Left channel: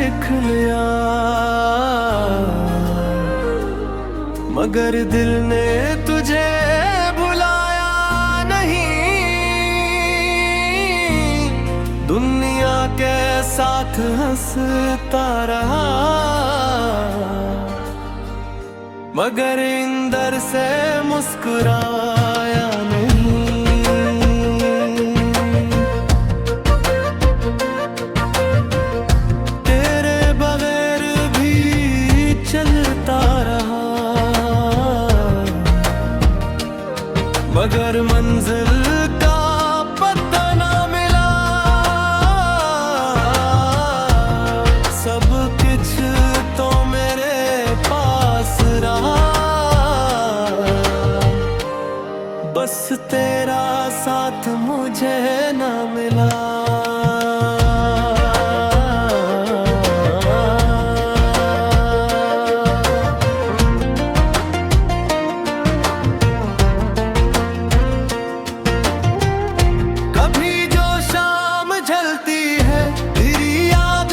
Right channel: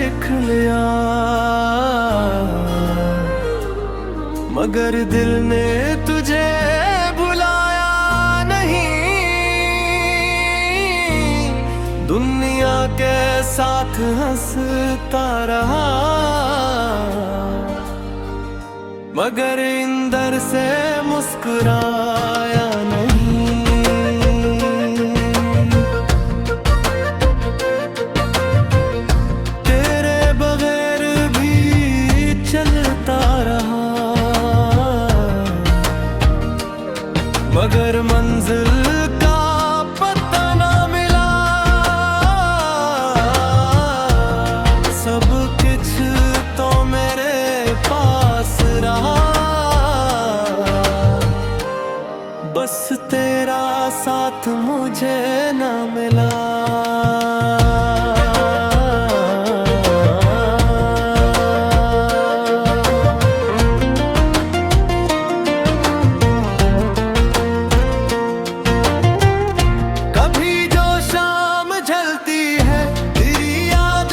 सीख लिया, मगर दिल ने तुझे भुलाया नहीं। दुनिया के साथ हंसता रहा, मगर अंदर से मुस्कुराया नहीं। तेरे बगैर भी चलता रहा, मगर मंजिल का पता ना मिला। सब कुछ तो मेरे पास रहा, बस तेरा साथ मुझे ना मिला।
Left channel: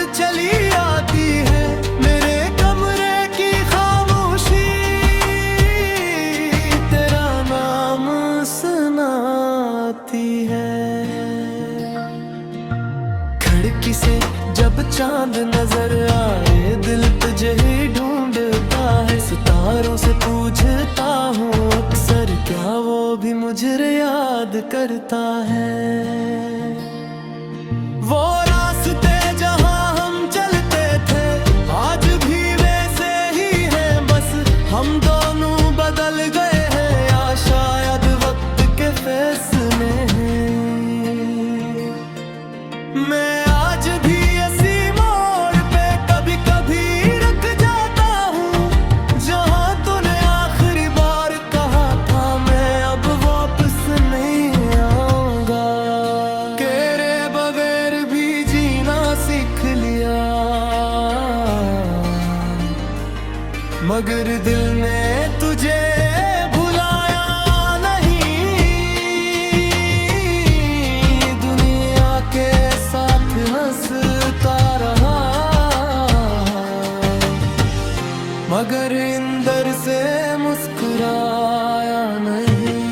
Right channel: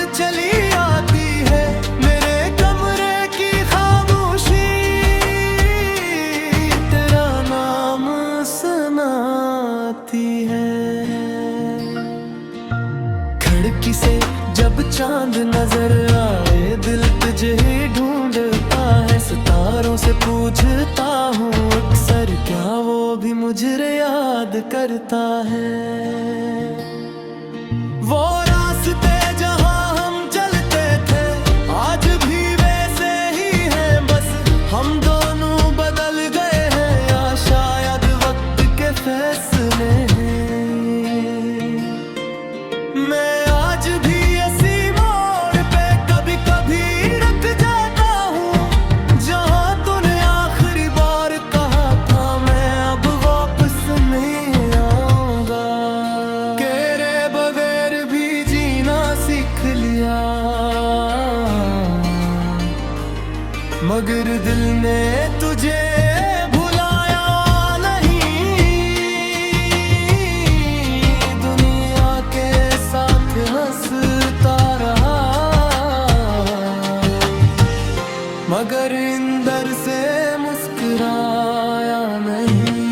चली आती है मेरे कमरे की खामोशी, तेरा नाम सुनाती है। खिड़की से जब चांद नजर आए, दिल तुझे ही ढूंढता है। सितारों से पूछता हूँ अक्सर, क्या वो भी मुझे याद करता है। वो रास्ते जहाँ चलते थे आज भी वैसे ही हैं, बस हम दोनों बदल गए हैं, या शायद वक्त के फैसले हैं। मैं आज भी इसी मोड़ पे कभी कभी रुक जाता हूँ, जहाँ तूने आखिरी बार कहा था मैं अब वापस नहीं आऊंगा। तेरे बगैर भी जीना सीख लिया, मगर दिल ने तुझे भुलाया नहीं। दुनिया के साथ हंसता रहा, मगर अंदर से मुस्कुराया नहीं।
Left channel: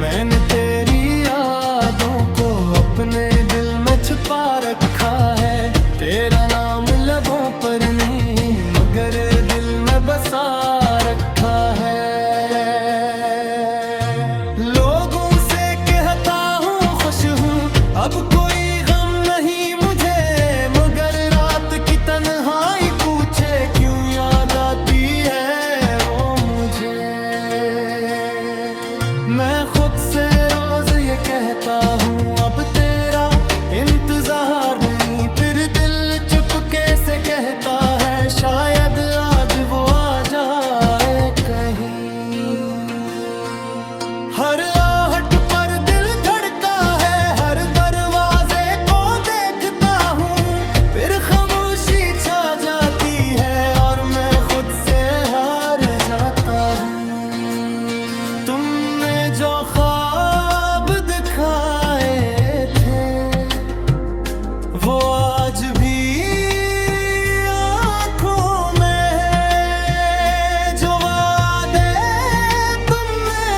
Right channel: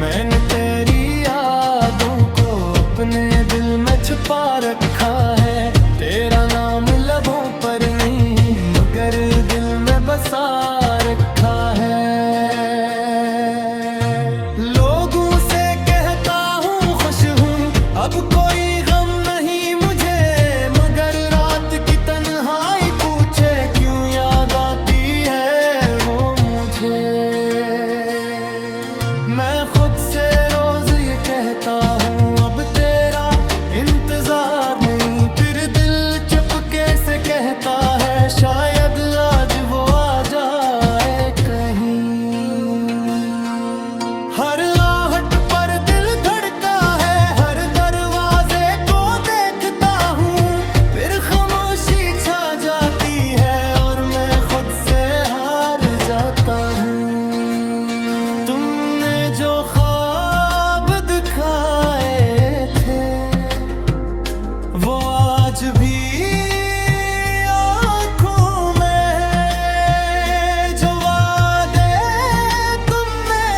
मैंने तेरी यादों को अपने दिल में छुपा रखा है, तेरा नाम लबों पर नहीं मगर दिल में बसा रखा है। लोगों से कहता हूँ खुश हूँ, अब कोई गम नहीं मुझे, मगर रात की तन्हाई पूछे क्यों याद आती है वो मुझे। मैं खुद से रोज ये कहता हूँ अब तेरा इंतजार नहीं, फिर दिल चुपके से कहता है शायद आज वो आ जाए कहीं। हर आहट पर दिल धड़का है, हर दरवाजे को देखता हूँ, फिर खामोशी छा जाती है और मैं खुद से हार जाता हूँ। जो ख्वाब दिखाए थे वो आज भी आँखों में है, जो वादे तुमने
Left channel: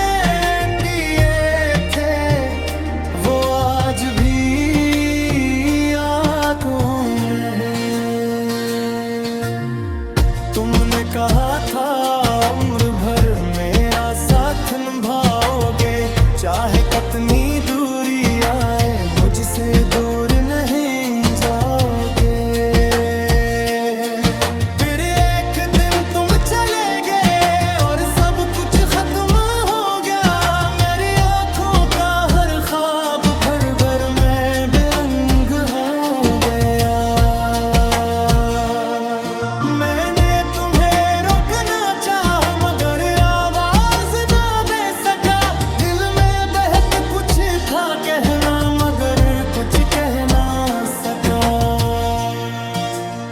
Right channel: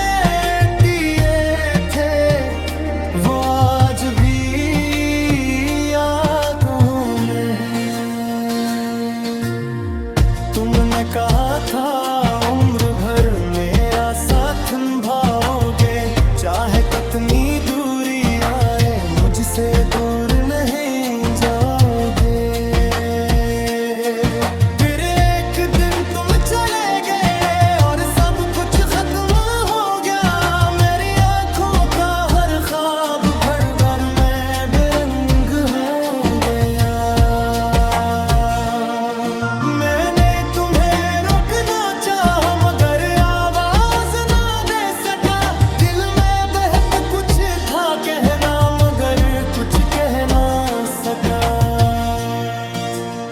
दिए थे वो आज भी आँखों में है। तुमने कहा था उम्र भर मेरा साथ निभाओगे, चाहे कितनी दूरी आए मुझसे दूर नहीं जाओगे। फिर एक दिन तुम चले गए और सब कुछ खत्म हो गया, मेरी आंखों का हर ख्वाब भर भर में बेरंग हो गया। मैंने तुम्हें रोकना चाहा मगर था कहना मगर कुछ कह ना सका।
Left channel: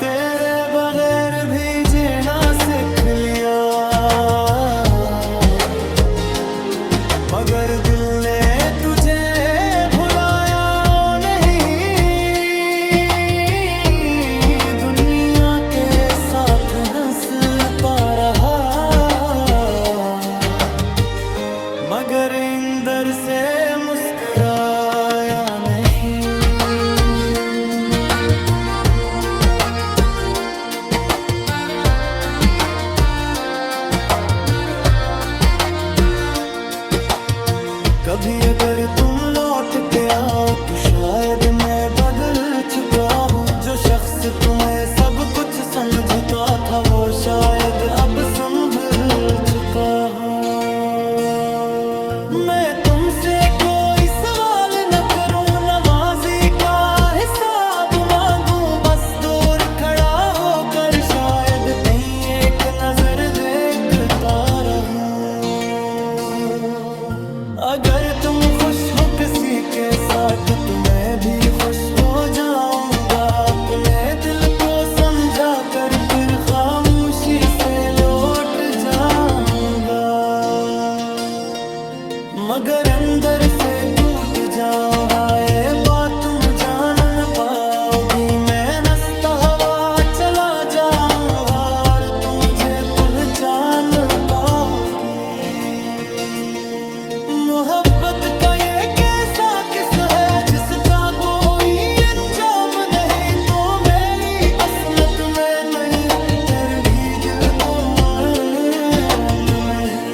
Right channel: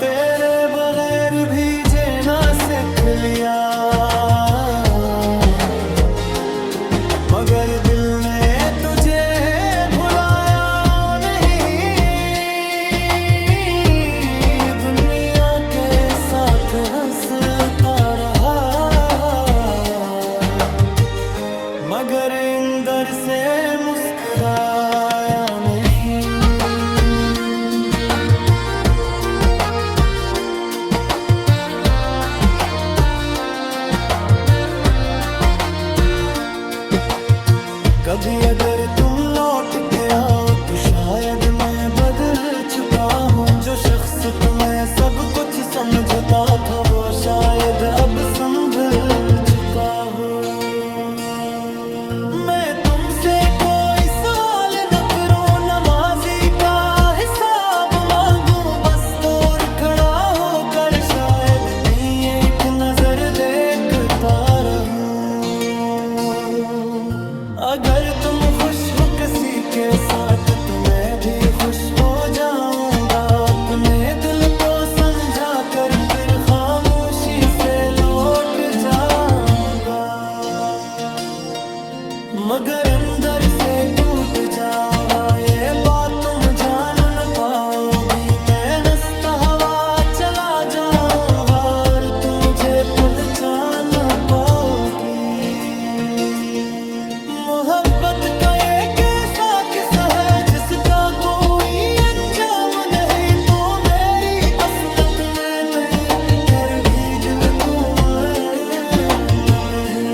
तेरे बगैर भी जीना सीख लिया, मगर दिल ने तुझे भुलाया नहीं। दुनिया के साथ हंसता रहा, मगर अंदर से मुस्कुराया नहीं। कभी अगर तुम लौट के आओ तो शायद मैं बदल चुका हूँ। जो शख्स तुम्हें सब कुछ समझता था वो शायद अब संभल चुका हो। मैं तुमसे कोई सवाल न करूँ, नमाजी का हिसाब मांगू, बस दूर खड़ा होकर शायद कहीं एक नजर देखता रहूं। अगर तुम खुश हो किसी के साथ तो मैं भी खुश हो जाऊंगा। अपने दिल को समझा कर फिर खामोशी से लौट जाऊंगा, मगर अंदर से टूट जाऊंगा। ये बात तुम जान न पाओगी, मैं नस्ता हवा चला जाऊंगा और तुम मुझे पहचान न पाओगी। मोहब्बत का ये कैसा किस्सा है जिसका कोई अंजाम नहीं, तो मेरी असमत में नहीं फिर भी दिल को मान में है।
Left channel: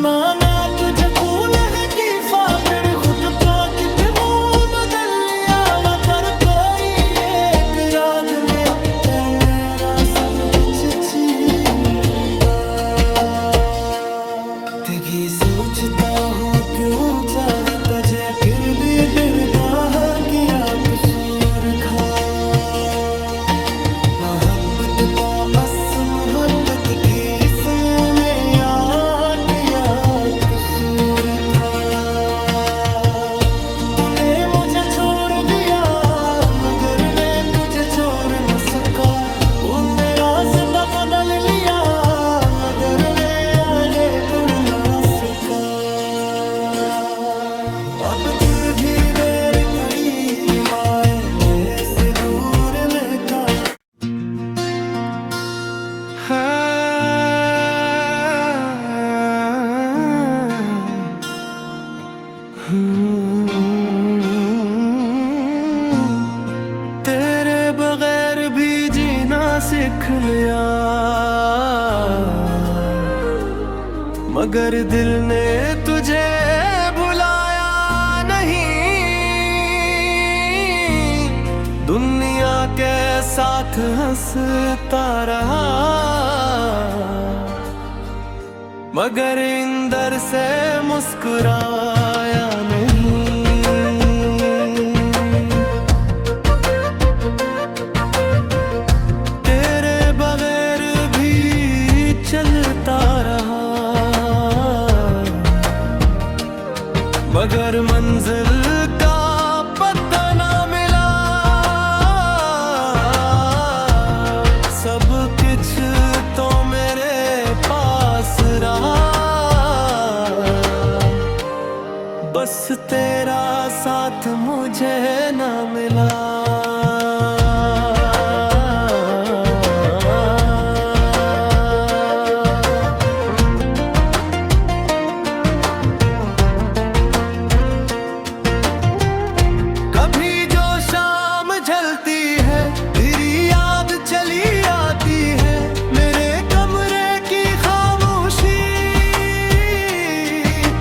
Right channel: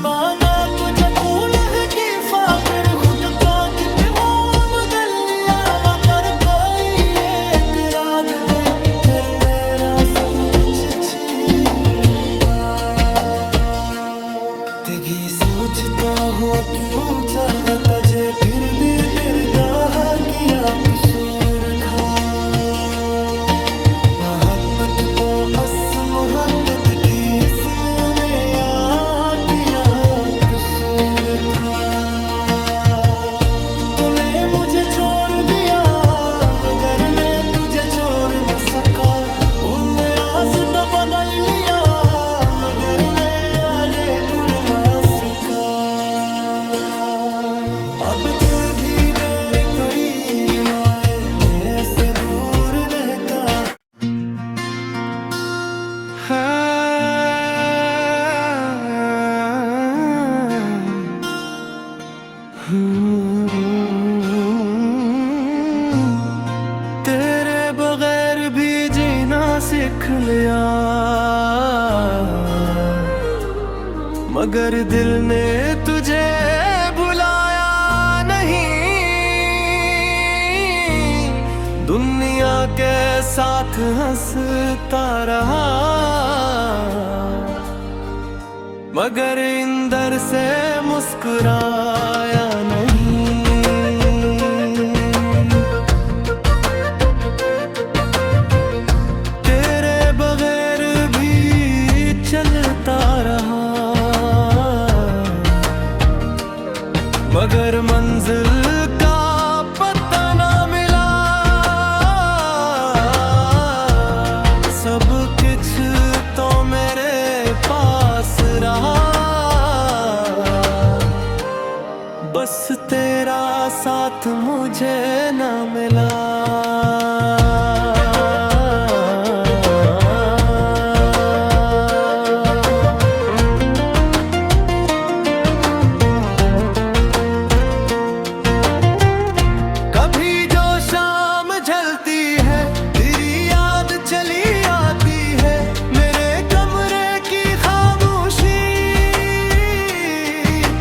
माना तुझे कूल है कि फिर खुद का कितना बदल लिया, मगर कोई एक रात में फिर मेरा सब कुछ छीना। भी सोचता हूँ क्यों चाहा तुझे, फिर भी डरता है किया कसूर था। मोहब्बत को अस मुहद्दत की इसमें मेरा किया कसूर था। तूने मुझे छोड़ दिया मगर मैं तुझे छोड़ न सका। तूने रास्ता बदल लिया मगर मेरा देखुर ना सका। अब जो भी देर करीब आए मैं से दूर रहता। तेरे बगैर भी जीना सीख लिया, मगर दिल ने तुझे भुलाया नहीं। दुनिया के साथ हंसता रहा, मगर अंदर से मुस्कुराया नहीं। तेरे बगैर भी चलता रहा, मगर मंजिल का पता ना मिला। सब कुछ तो मेरे पास रहा, बस तेरा साथ मुझे ना मिला। चली आती है मेरे कमरे की खामोशी,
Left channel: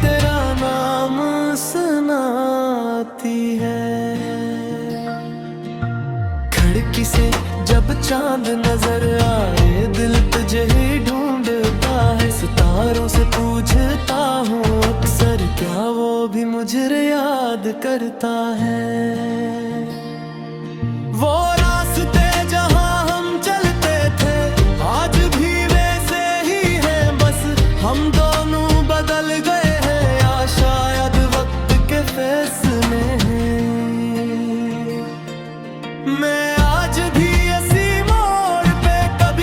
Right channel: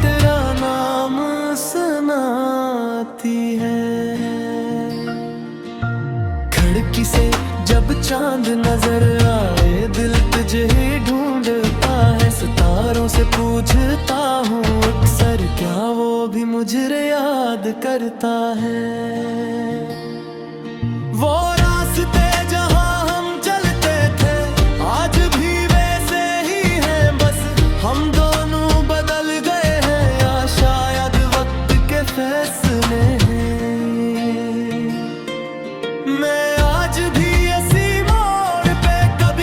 तेरा नाम सुनाती है। खिड़की से जब चांद नजर आए दिल तुझे ही ढूंढता है। सितारों से पूछता हूँ अक्सर क्या वो भी मुझे याद करता है। वो रास्ते जहाँ चलते थे आज भी वैसे ही हैं, बस हम दोनों बदल गए हैं या शायद वक्त के फैसले हैं। मैं आज भी इसी मोड़ पे कभी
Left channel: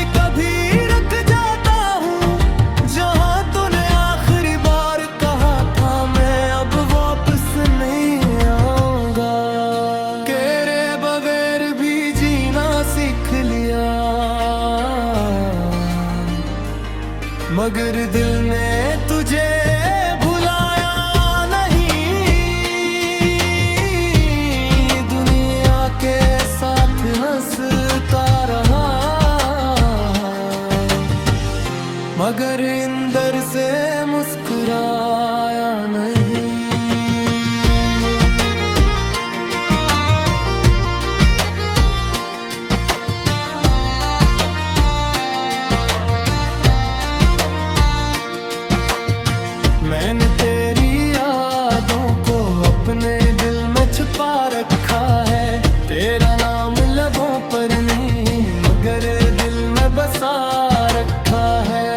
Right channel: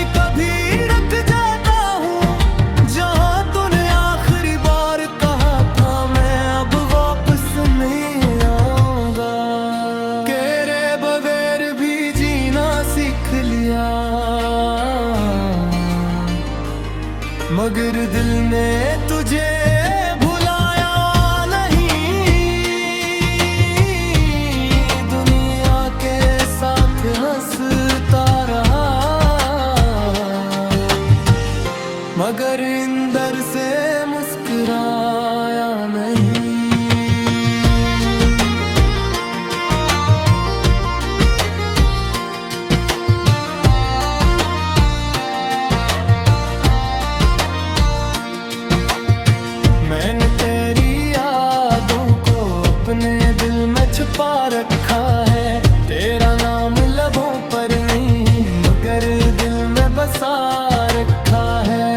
लिया, मगर दिल ने तुझे भुलाया नहीं। दुनिया के साथ हंसता रहा, मगर अंदर से मुस्कुराया नहीं। मैंने तेरी यादों को अपने दिल में छुपा रखा है। तेरा नाम लबों पर नहीं मगर दिल में बसा रखा है।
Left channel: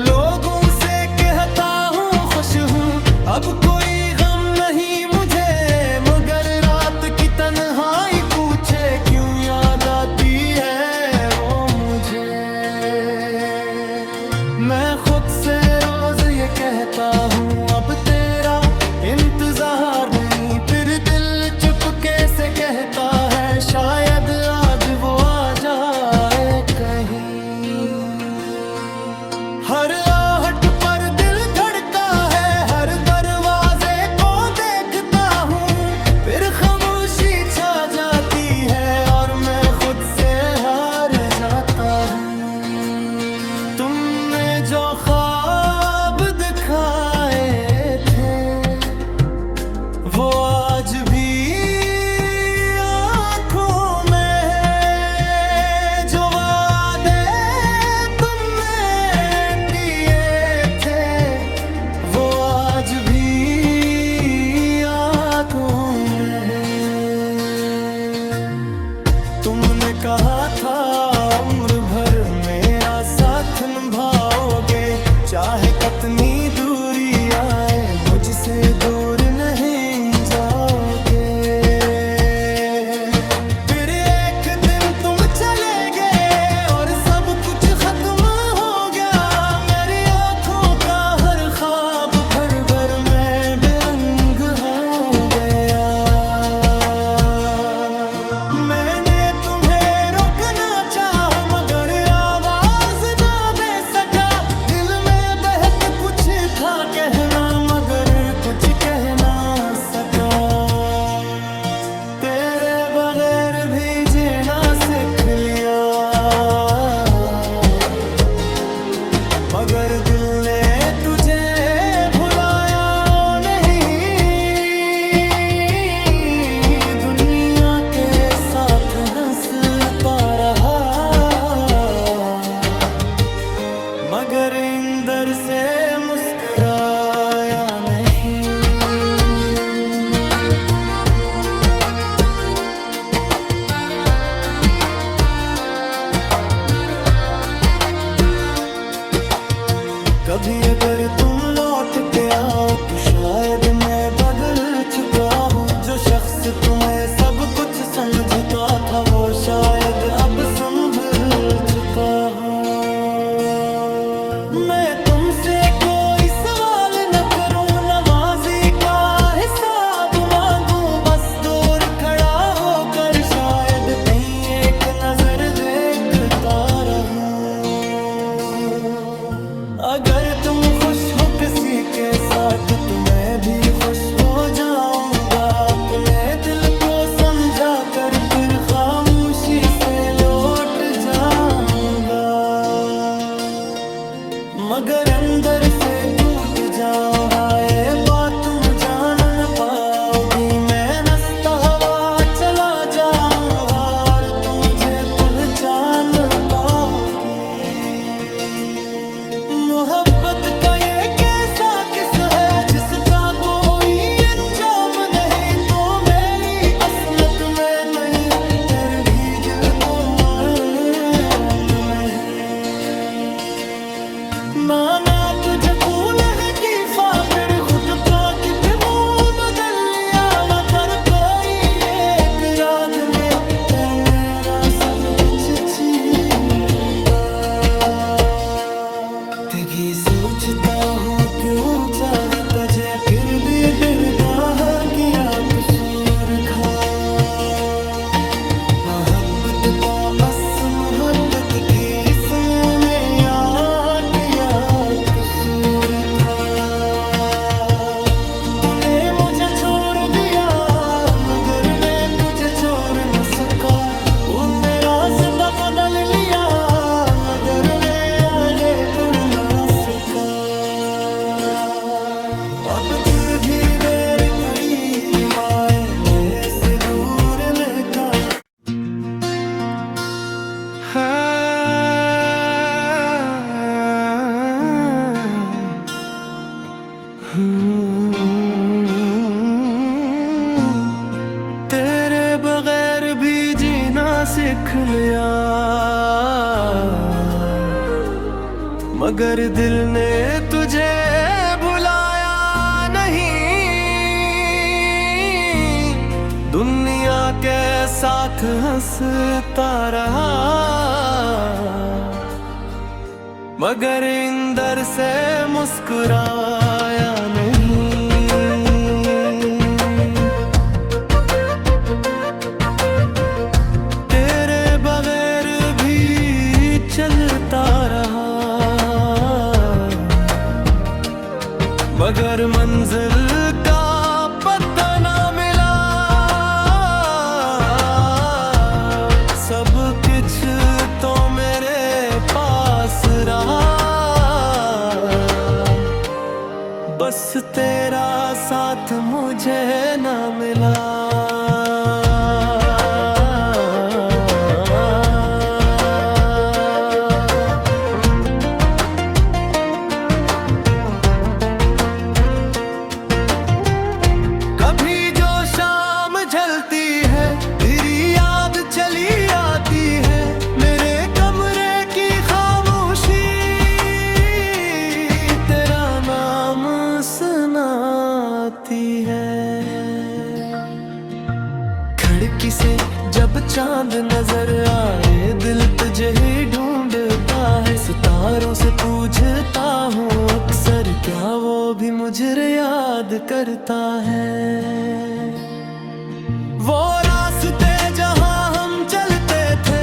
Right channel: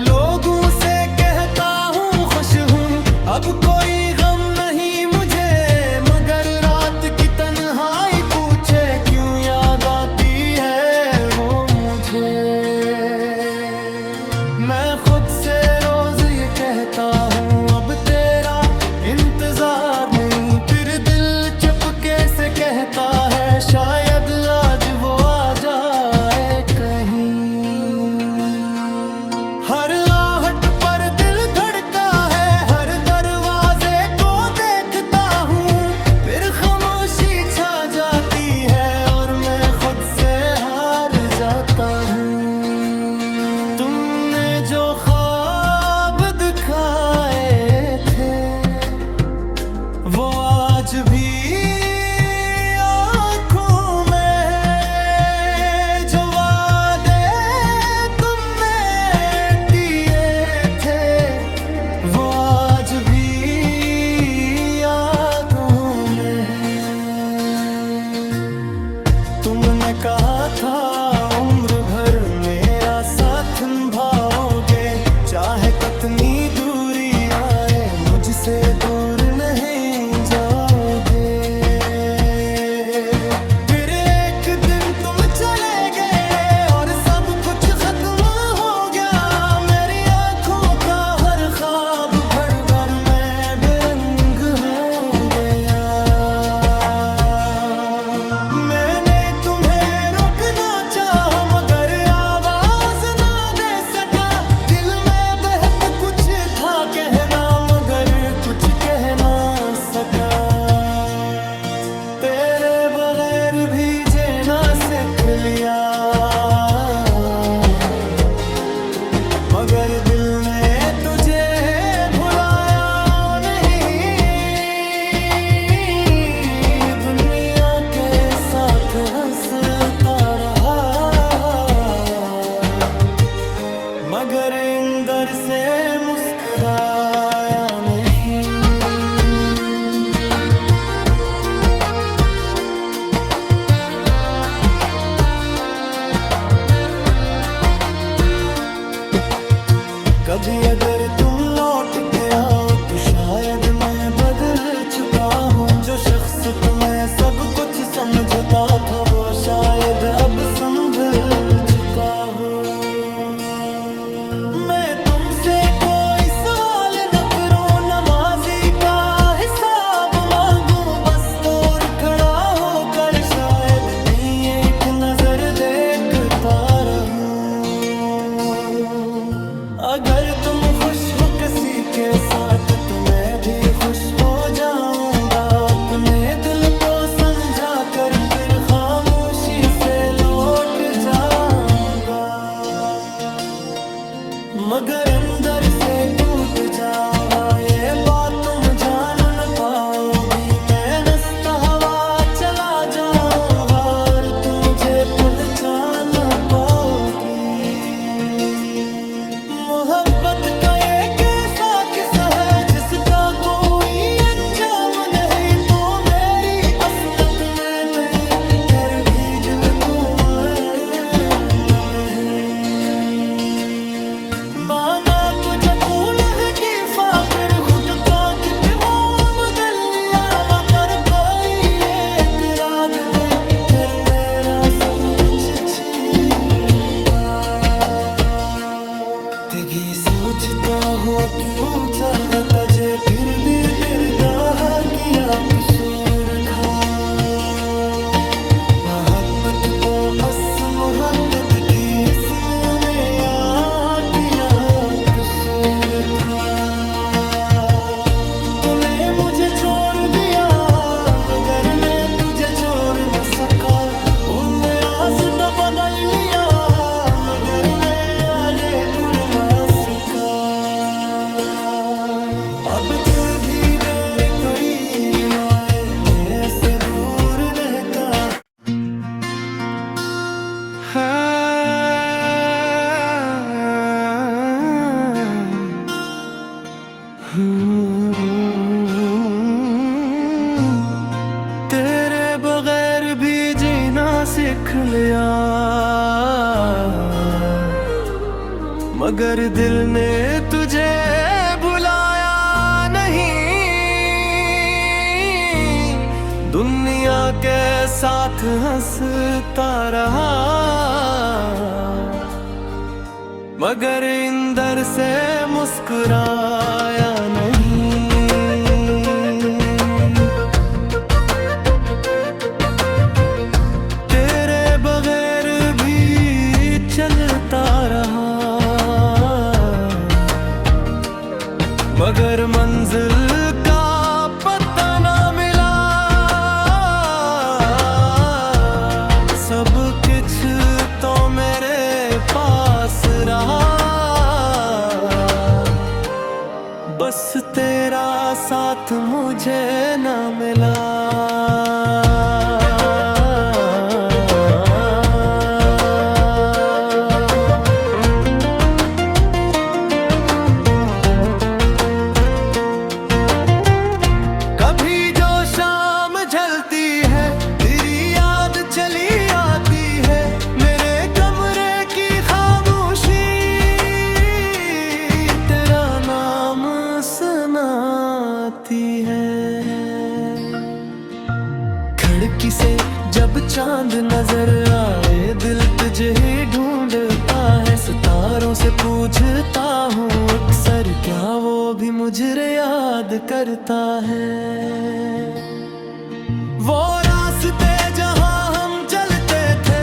लोगों से कहता हूँ खुश हूँ, अब कोई गम नहीं मुझे, मगर रात की तन्हाई पूछे क्यों याद आती है वो मुझे। मैं खुद से रोज ये कहता हूँ अब तेरा इंतजार नहीं, फिर दिल चुपके से कहता है शायद आज वो आ जाए कहीं। हर आहट पर दिल धड़का है, हर दरवाजे को देखता हूँ, फिर खामोशी छा जाती है और मैं खुद से हार जाता हूँ। जो ख्वाब दिखाए थे वो आज भी आँखों में है, जो वादे तुमने दिए थे वो आज भी आँखों में है। तुमने कहा था उम्र भर मेरा साथ निभाओगे, चाहे कितनी दूरी आए मुझसे दूर नहीं जाओगे। फिर एक दिन तुम चले गए और सब कुछ खत्म हो गया, मेरी आंखों का हर ख्वाब भर भर में बेरंग हो गया। मैंने तुम्हें रोकना चाहा मगर था कहना मगर कुछ कह ना सका। तेरे बगैर भी जीना सीख लिया, मगर दिल ने तुझे भुलाया नहीं। दुनिया के साथ हंसता रहा, मगर अंदर से मुस्कुराया नहीं। कभी अगर तुम लौट के आओ तो शायद मैं बदल चुका हूँ। जो शख्स तुम्हें सब कुछ समझता था वो शायद अब संभल चुका हो। मैं तुमसे कोई सवाल न करूं, नमाजी का हिसाब मांगूं, बस दूर खड़ा होकर शायद कहीं एक नजर देखता रहूं। अगर तुम खुश हो किसी के साथ तो मैं भी खुश हो जाऊंगा। अपने दिल को समझा कर फिर खामोशी से लौट जाऊंगा, मगर अंदर से टूट जाऊंगा। ये बात तुम जान न पाओगी, मैं नस्ता हवा चला जाऊंगा और तुम मुझे पहचान पाओगी। मोहब्बत का ये कैसा किस्सा है जिसका कोई अंजाम नहीं, तो मेरी असमत में नहीं फिर भी दिल को मैं माना तुझे फूल है की फिर खुद को कितना बदल लिया, मगर कोई एक रात ने फिर मेरा सब कुछ छीना। तेगी सोचता हूँ क्यों चाहा तुझे फिर भी डरता किया कसूर खा। मोहब्बत को असमहब्बत की इसने में या कसूर था। तूने मुझे छोड़ दिया मगर मैं तुझे छोड़ न सका। तूने रास्ता बदल लिया मगर मैं यादें भूल ना सका। अब जो भी देर करी माए मैं से दूर रहता। तेरे बगैर भी जीना सीख लिया मगर दिल ने तुझे भुलाया नहीं। दुनिया के साथ हंसता रहा मगर अंदर से मुस्कुराया नहीं। तेरे बगैर भी चलता रहा मगर मंजिल का पता ना मिला। सब कुछ तो मेरे पास रहा बस तेरा साथ मुझे ना मिला। चली आती है मेरे कमरे की खामोशी तेरा नाम सुनाती है। खिड़की से जब चांद नजर आए दिल तुझे ही ढूंढता है। सितारों से पूछता हूँ अक्सर क्या वो भी मुझे याद करता है। वो रास्ते जहाँ हम चलते थे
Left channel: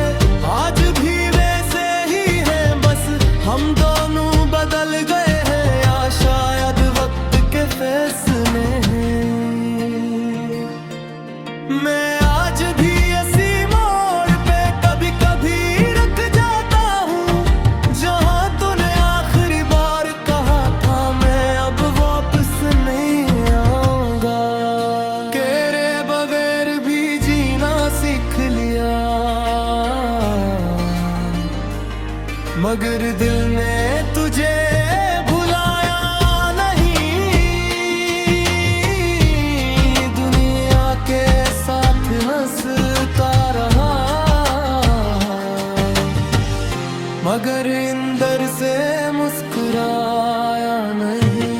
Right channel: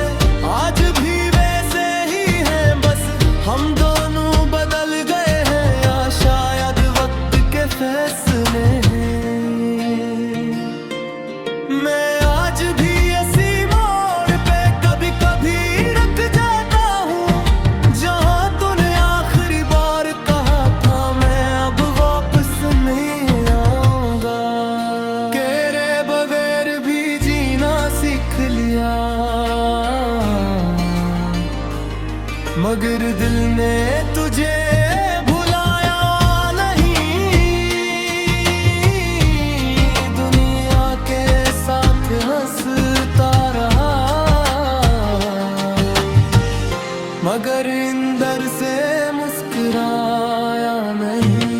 आज भी वैसे ही हैं बस हम दोनों बदल गए हैं या शायद वक्त के फैसले हैं। मैं आज भी इसी मोड़ पे कभी कभी रुक जाता हूँ जहाँ तूने आखिरी बार कहा था मैं अब वापस नहीं आऊंगा। तेरे बगैर भी जीना सीख लिया मगर दिल ने तुझे भुलाया नहीं। दुनिया के साथ हंसता रहा मगर अंदर से मुस्कुराया नहीं।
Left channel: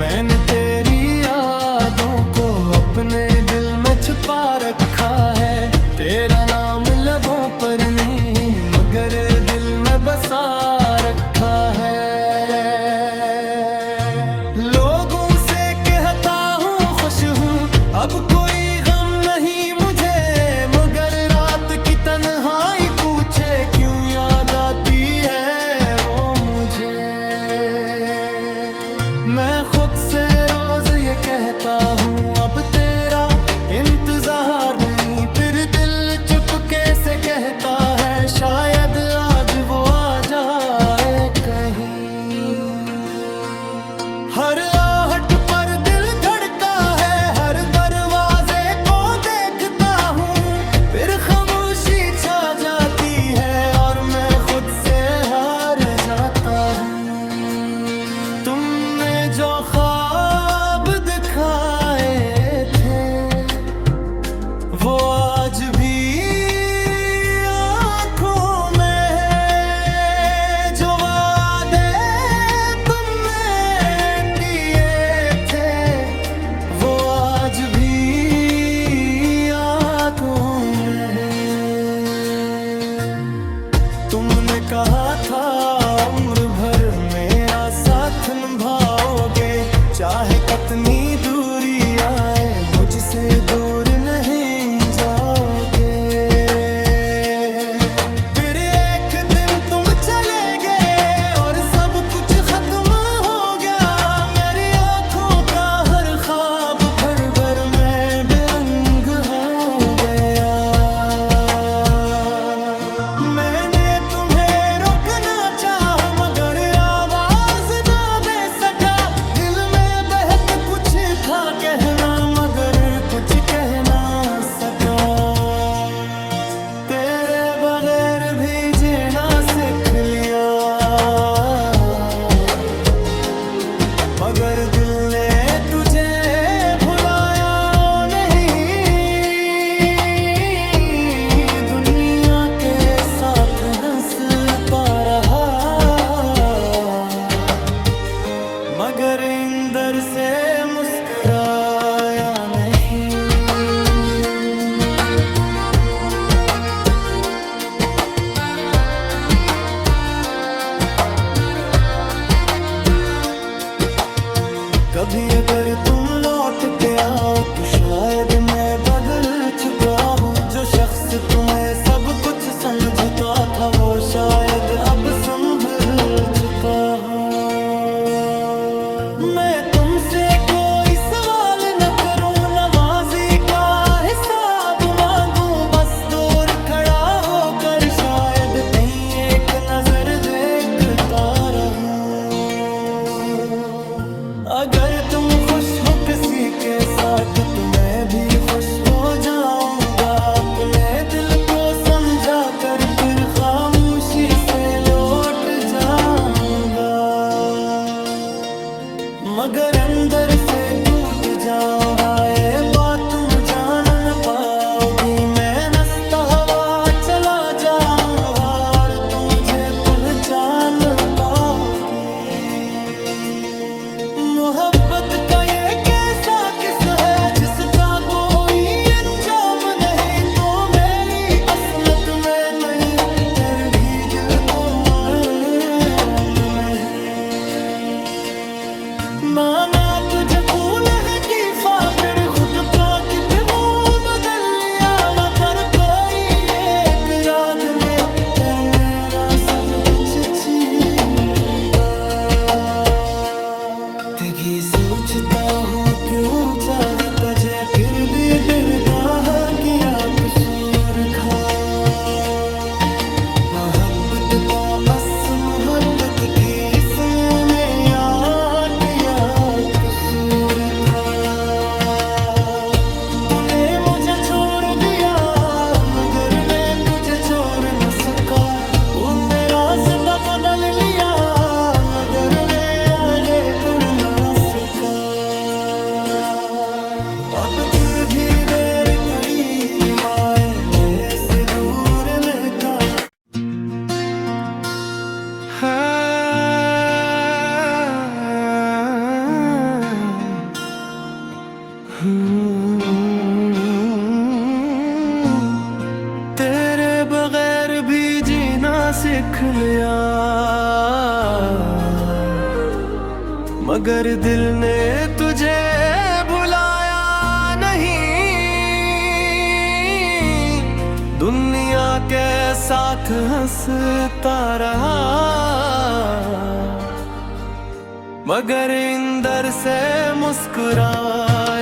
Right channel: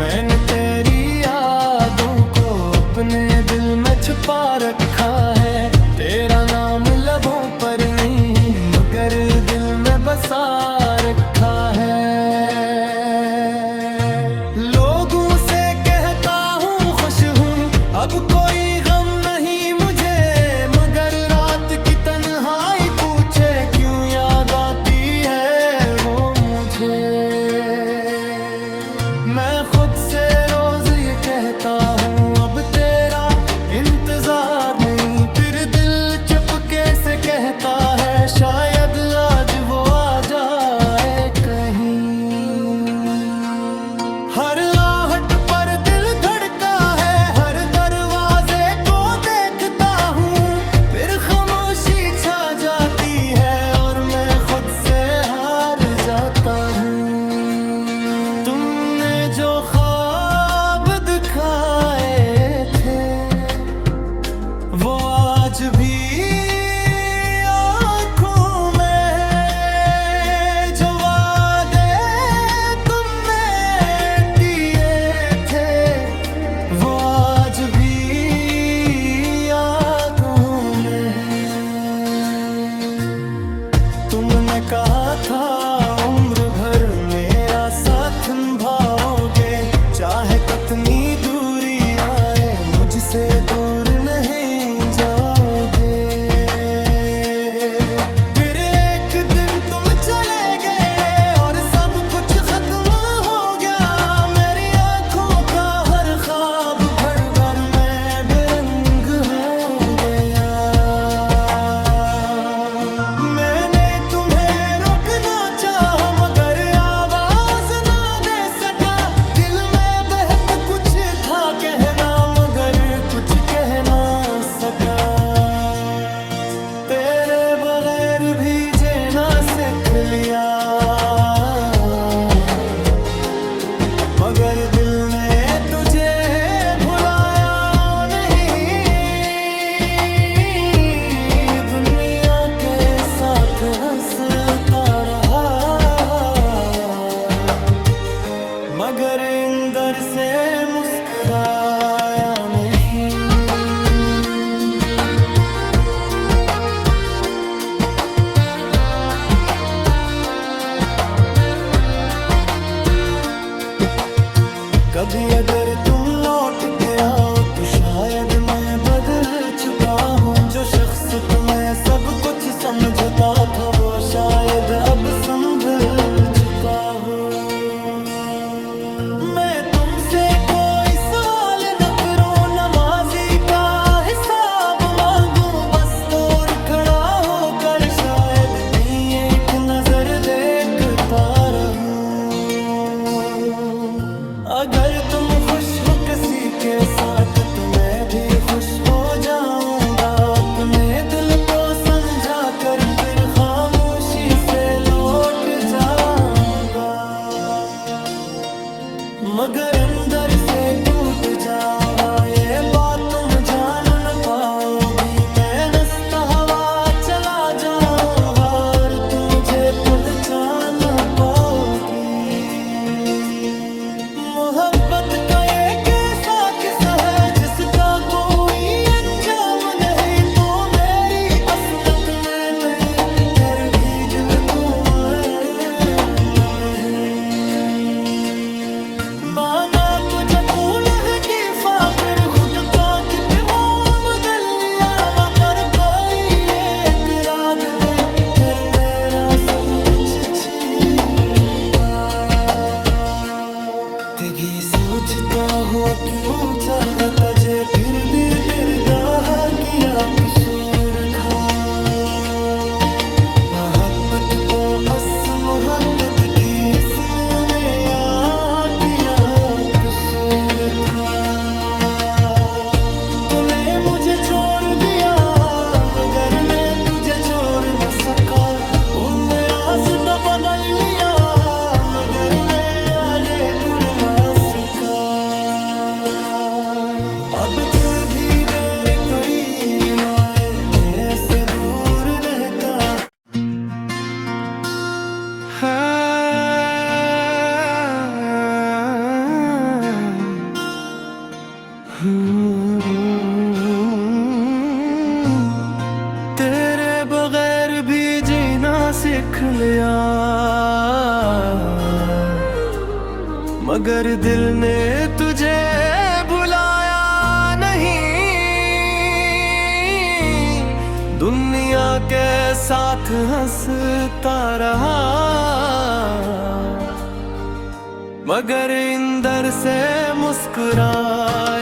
मैंने तेरी यादों को अपने दिल में छुपा रखा है। तेरा नाम लबों पर नहीं मगर दिल में बसा रखा है। लोगों से कहता हूँ खुश हूँ अब कोई गम नहीं मुझे मगर रात की तन्हाई पूछे क्यों याद आती है वो मुझे। मैं खुद से रोज ये कहता हूँ अब तेरा इंतजार नहीं फिर दिल चुपके से कहता है शायद आज वो आ जाए कहीं। हर आहट पर दिल धड़का है हर दरवाजे को देखता हूँ फिर खामोशी छा जाती है और मैं खुद से हार जाता हूँ। जो ख्वाब दिखाए थे वो आज भी आँखों में है। जो वादे तुमने दिए थे वो आज भी यादों में है। कहा था उम्र भर मेरा साथ निभाओगे, चाहे कितनी दूरी आए मुझसे दूर नहीं जाओगे। फिर एक दिन तुम चले गए और सब कुछ खत्म हो गया, मेरी आंखों का हर ख्वाब भर भर में बेरंग हो गया। मैंने तुम्हें रोकना चाहा मगर आवाज ना दे सका, दिल में बहत कुछ था कहना मगर कुछ कह ना सका। तेरे बगैर भी जीना सीख लिया मगर दिल ने तुझे भुलाया नहीं। दुनिया के साथ हंसता रहा मगर अंदर से मुस्कुराया नहीं। कभी अगर तुम लौट के आओ तो शायद मैं बदल चुका हूँ, जो शख्स तुम्हें सब कुछ समझता था वो शायद अब संभल चुका हो। मैं तुमसे कोई सवाल न करूँ, नमाजी का हिसाब मांगूं, बस दूर खड़ा होकर शायद कहीं एक नजर देखता रहूं। अगर तुम खुश हो किसी के साथ तो मैं भी खुश हो जाऊंगा, अपने दिल को समझा कर फिर खामोशी से लौट जाऊंगा। मगर अंदर से टूट जाऊंगा ये बात तुम जान न पाओगी, मैं नस्ता हवा चला जाऊंगा और तुम मुझे पहचान न पाओगी। मोहब्बत का ये कैसा किस्सा है जिसका कोई अंजाम नहीं, तो मेरी असमत में नहीं फिर भी दिल को मालूम है। माना तुझे कूल है कीफा फिर खुद का कितना बदल लिया, मगर कोई एक रात ने फिर मेरा सब कुछ छीना। तेरी सोचता हूँ क्यों चाहा तुझे फिर भी डरता है किया कसूर था। मोहब्बत को अस मोहब्बत की इसमें मेरा किया कसूर था। तूने मुझे छोड़ दिया मगर मैं तुझे छोड़ न सका, तूने रास्ता बदल लिया मगर मैं यादें भूल ना सका। अब जो भी देर करीब आए मैं से दूर रहता तेरे बगैर भी जीना सीख लिया मगर दिल ने तुझे भुलाया नहीं। दुनिया के साथ हंसता रहा मगर अंदर से मुस्कुराया